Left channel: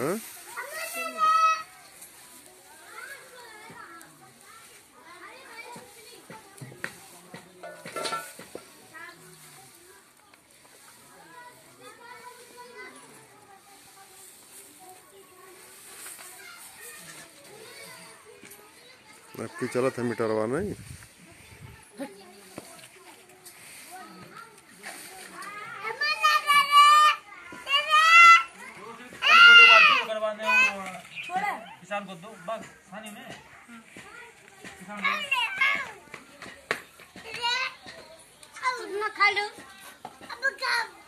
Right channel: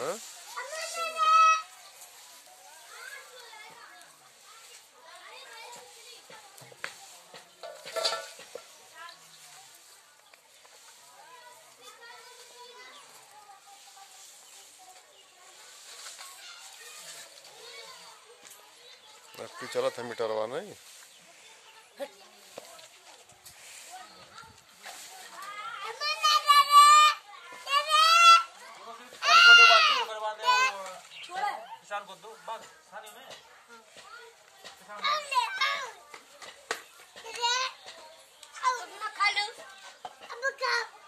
हाँ? आपकी चला था मीटरवा नहीं किसान को दो बस खाने में खा लो अब